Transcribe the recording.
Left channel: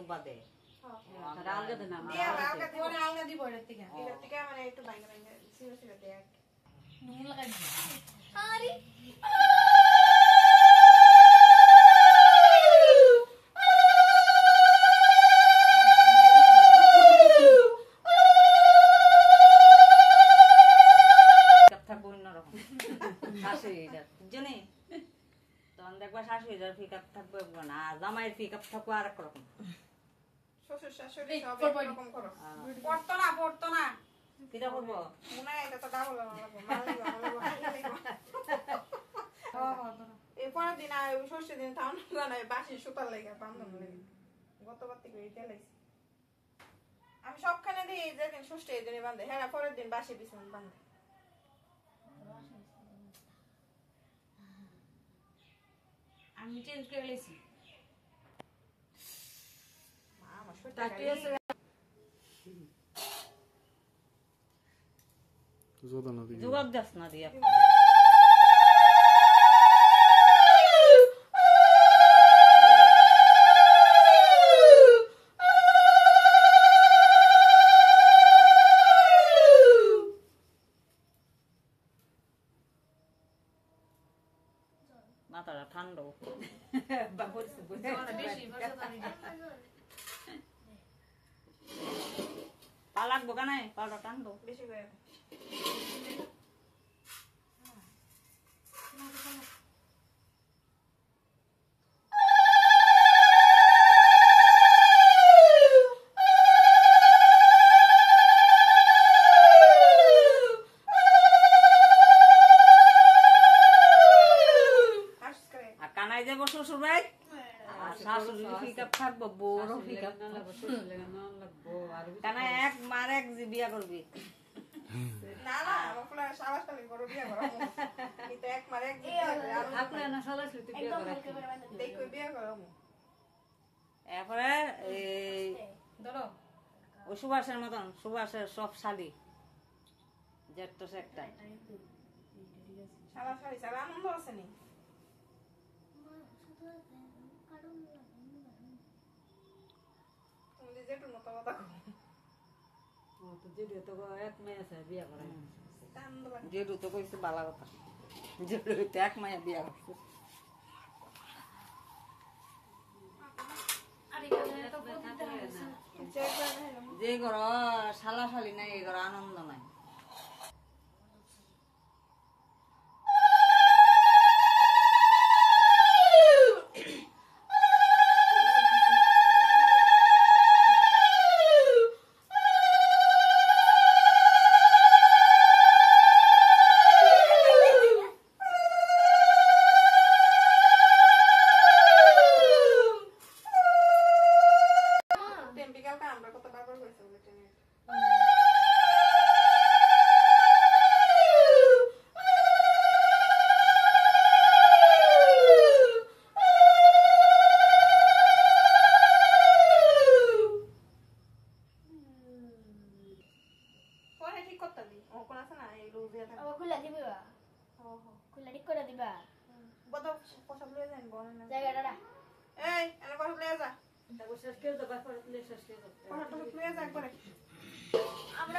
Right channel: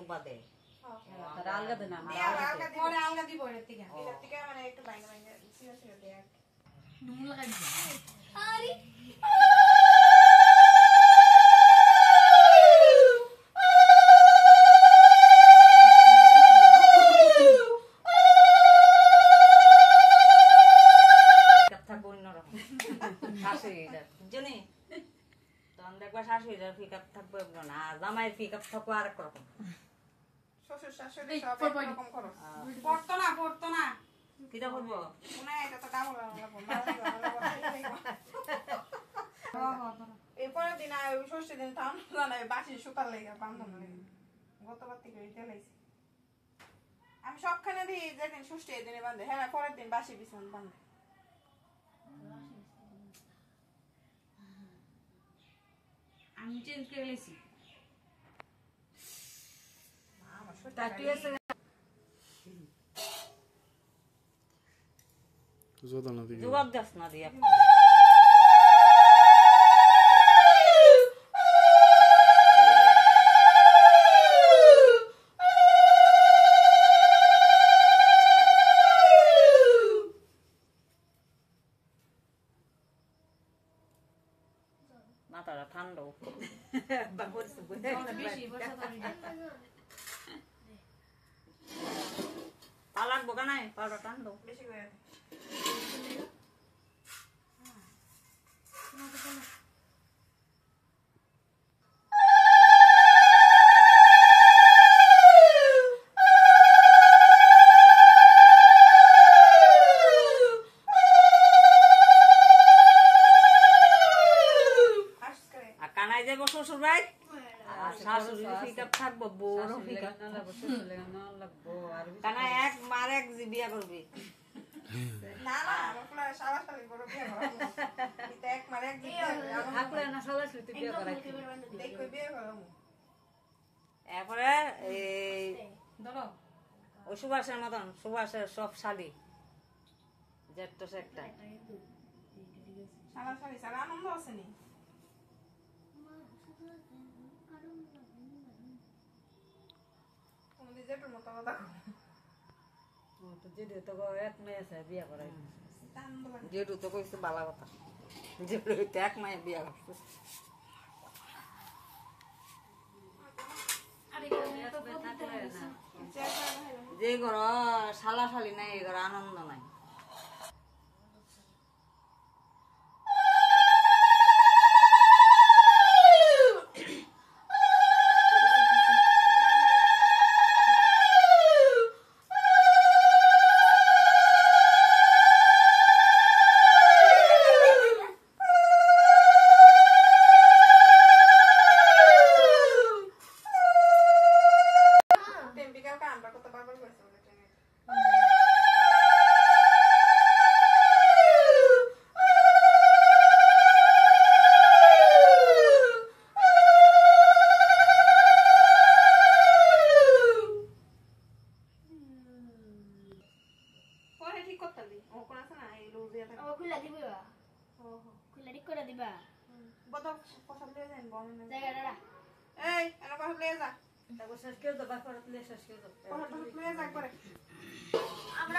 ডুবা দে তারা আলগা দে না পরে আলগা দিব এর থেকে মানে একটু বাইরে বাইরে সিরা সিরা দেয়া নুন লাগাই আরে জামাইয়ের পিকআপ থাকবো আর একরকম শ্বশুর শাশুড়ি সব একরকম করো পড়তো না কিটা করবো মনে হয় এটা তো ডাবল লাগবো এই পরের দিন আর ষষ্ঠী দিন তো আমরা জানাই বাসি সুতার লেগে বান্ধন লেগে গতবার থেকে ওইটা লাগছে আমি সবখানে দিই যেদিন ষষ্ঠী এই দিনে বান্ধে হ্যাঁ পরের দিন বাসি বিছান বান্ধে আমি চেঞ্জ করে গেছি জবাব দাস না দিয়া মাথাটা ঠান্ডা পা লাগবো কানায় পাটা ঠান্ডা বেশি করে কানায় যাবো শ্বশুর ভাই শাশুড়ি পিকআপ থাকবো বউরও পিকআপ কানায় এক মার এক বিয়া করবি না না বাপলা সাবাসালি করে বিয়ে করো এটা এক মারে এক বিয়ে থাকলে না সবাই সুতি বিয়ে করাইছি দেখো বিয়ে করো এরপরে এই ধরো ওই সুভাষের মতন সুভাষের সব শালি জেটটা একটা সাবাসালি সারা আনন্দ আছে নি তুমি যেটুর মতো কথা তো যেটা তো এক মেয়ে আছে বিয়ে করাইছি যেটু তো কইছে বালা কথা যেটু এক মায়া বিয়া করছে যে ঘর শালা শালি নাই এই ঘর আনন্দ নাই শেষ করে দাও বাপরে শেষ করে দাও আমরা